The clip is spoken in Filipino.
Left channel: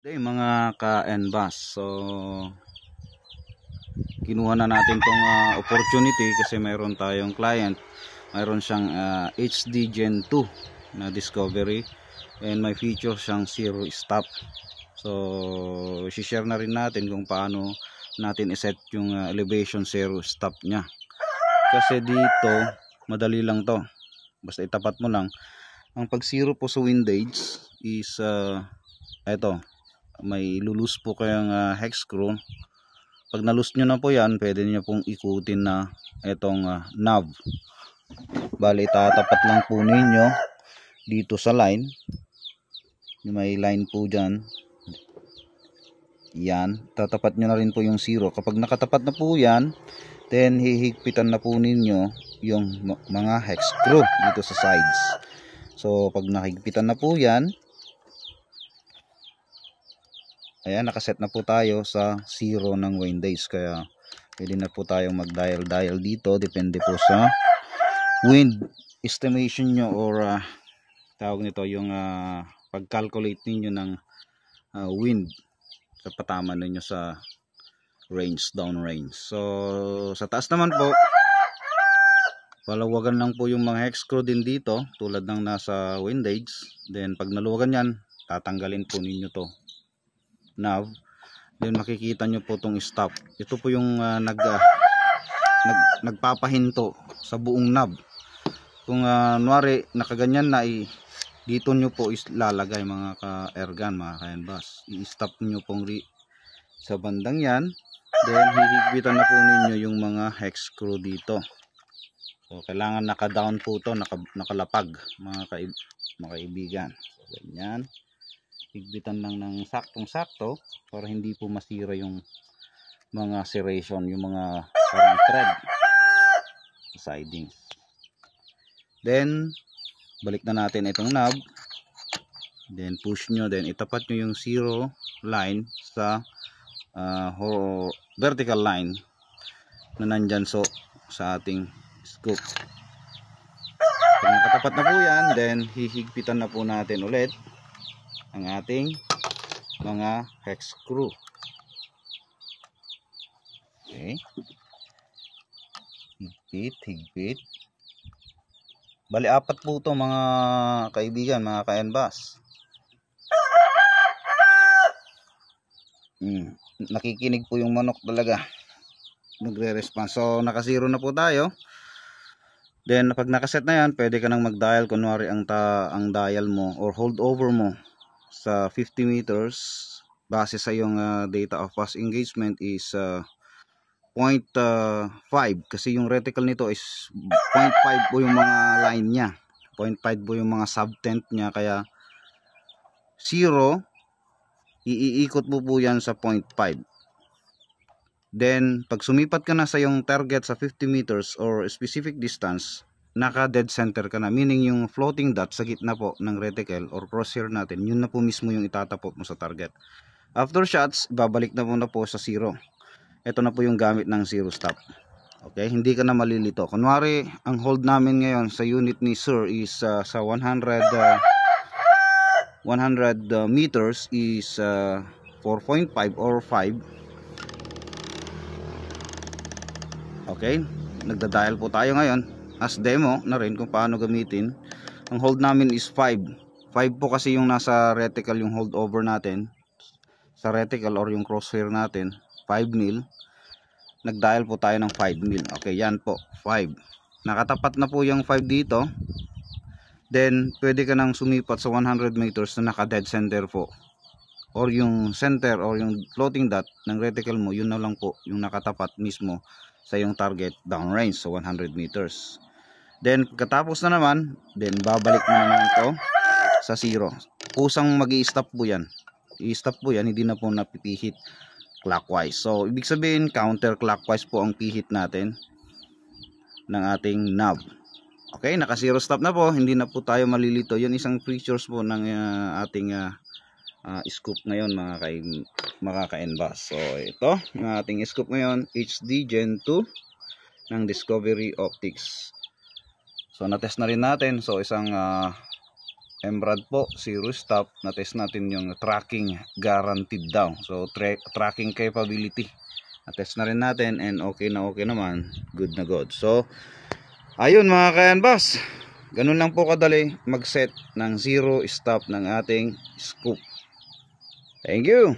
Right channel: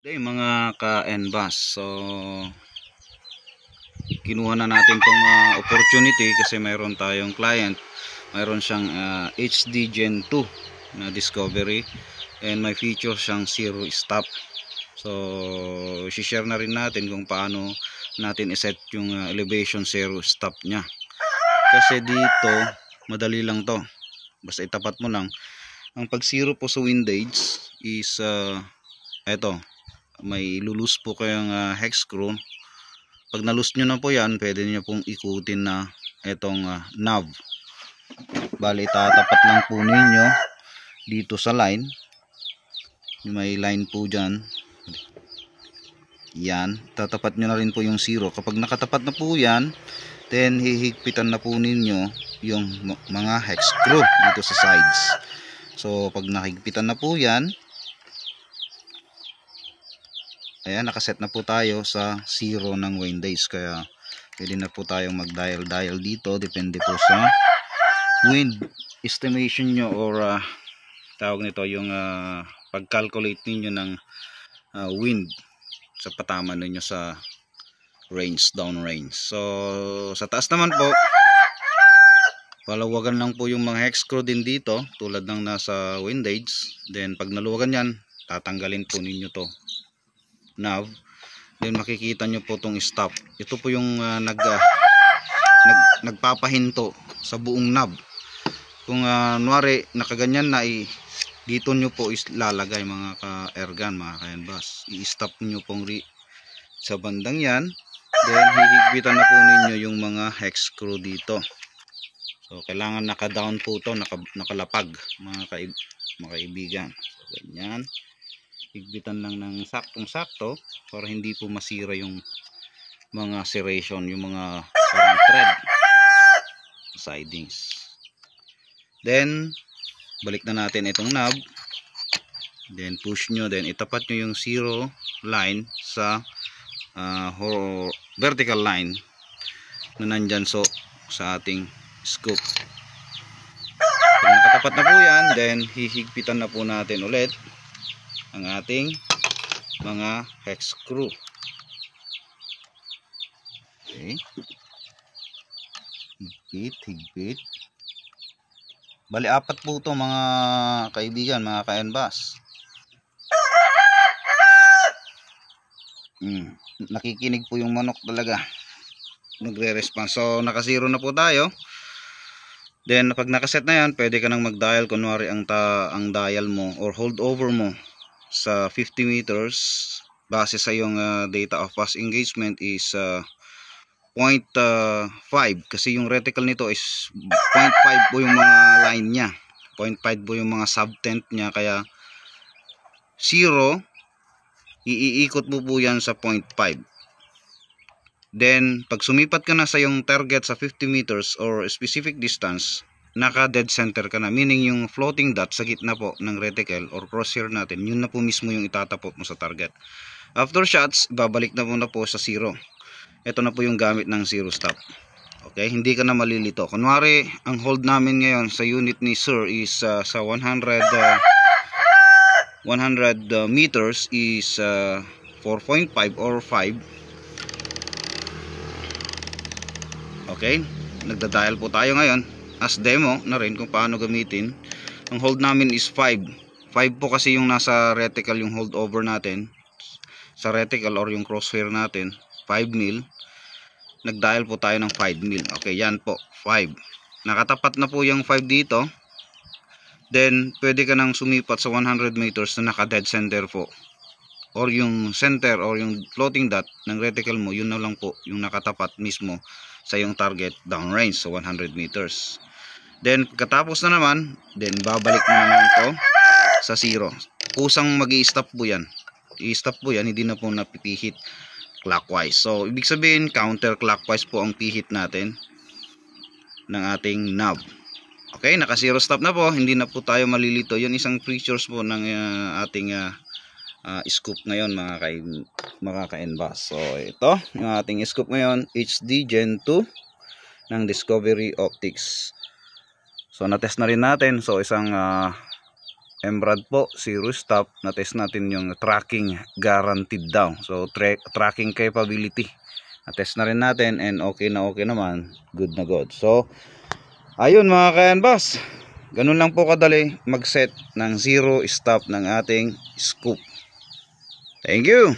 Okay, mga ka-NBAS, so kinuha na natin tong opportunity kasi mayroon tayong client, mayroon siyang HD Gen 2 na discovery and may feature siyang zero stop. So i-share na rin natin kung paano natin iset yung elevation zero stop nya, kasi dito madali lang to, basta itapat mo lang. Ang pag zero po sa windage is eto, may lulus po kayong hex screw. Pag nalus nyo na po yan, pwede nyo pong ikutin na itong knob. Bali tatapat lang po ninyo dito sa line, may line po dyan, yan, tatapat nyo na rin po yung zero. Kapag nakatapat na po yan, then hihigpitan na po ninyo yung mga hex screw dito sa sides. So pag nakigpitan na po yan, ayan, nakaset na po tayo sa zero ng windage, kaya pwede na po tayong mag-dial dito. Depende po sa wind estimation nyo or tawag nito yung pag-calculate ninyo ng wind sa patama ninyo sa range, down range. So sa taas naman po, palawagan lang po yung mga hex screw din dito tulad ng nasa windage. Then pag naluwagan yan, tatanggalin po ninyo to knob, then makikita nyo po tong stop. Ito po yung nagpapahinto sa buong knob. Kung nuwari nakaganyan na, dito nyo po lalagay mga ka-ergan, mga ka-NBAS. I-stop nyo pong sa bandang yan, then hihigpitan na po ninyo yung mga hex screw dito. So kailangan naka-down po to, nakalapag mga kaibigan. So ganyan, higpitan lang ng saktong-sakto para hindi po masira yung mga serration, yung mga parang thread sidings. Then balik na natin itong knob, then push nyo, then itapat nyo yung zero line sa vertical line na nandyan so sa ating scoop. Pag nakatapat na po yan, then hihigpitan na po natin ulit ang ating mga hex screw. Okay, higpit. Bali apat po ito mga kaibigan, mga ka-NBAS. Nakikinig po yung manok talaga, nagre-response. So naka-zero na po tayo. Then pag nakaset na yan, pwede ka nang mag-dial. Kunwari ang dial mo or hold over mo sa 50 meters base sa yung data of past engagement is 0.5, kasi yung reticle nito is 0.5 po yung mga line nya, 0.5 po yung mga subtent nya, kaya 0 iikot mo po yan sa 0.5. Then pag sumipat ka na sa yung target sa 50 meters or specific distance, naka dead center ka na, meaning yung floating dot sa gitna po ng reticle or crosshair natin, yun na po mismo yung itatapot mo sa target. After shots, babalik na muna po sa 0. Ito na po yung gamit ng zero stop. Okay, hindi ka na malilito. Kunwari ang hold namin ngayon sa unit ni sir is sa 100 meters is 4.5 or 5. Okay, nagda-dial po tayo ngayon as demo na rin kung paano gamitin. Ang hold namin is 5 po kasi yung nasa reticle, yung hold over natin sa reticle or yung crosshair natin 5 mil. Nag-dial po tayo ng 5 mil. Okay, yan po, 5. Nakatapat na po yung 5 dito. Then pwede ka nang sumipat sa 100 meters na naka dead center po, or yung center or yung floating dot ng reticle mo, yun na lang po yung nakatapat mismo sa yung target downrange sa 100 meters. Then katapos na naman, then babalik mo naman to sa 0. Kusang mag-i-stop po yan. I-stop po yan, hindi na po napipihit clockwise. So ibig sabihin counterclockwise po ang pihit natin ng ating knob. Okay, naka zero stop na po, hindi na po tayo malilito. Yun isang features po ng ating scoop ngayon, mga ka-NBAS. So ito yung ating scoop ngayon, HD Gen 2 ng Discovery Optics. So na-test na rin natin. So isang Emrad po, zero stop. Na-test natin yung tracking guaranteed daw. So tracking capability. Na-test na rin natin and okay naman. Good na good. So ayun mga ka-Yanbas. Ganun lang po kadali mag-set ng zero stop ng ating scoop. Thank you.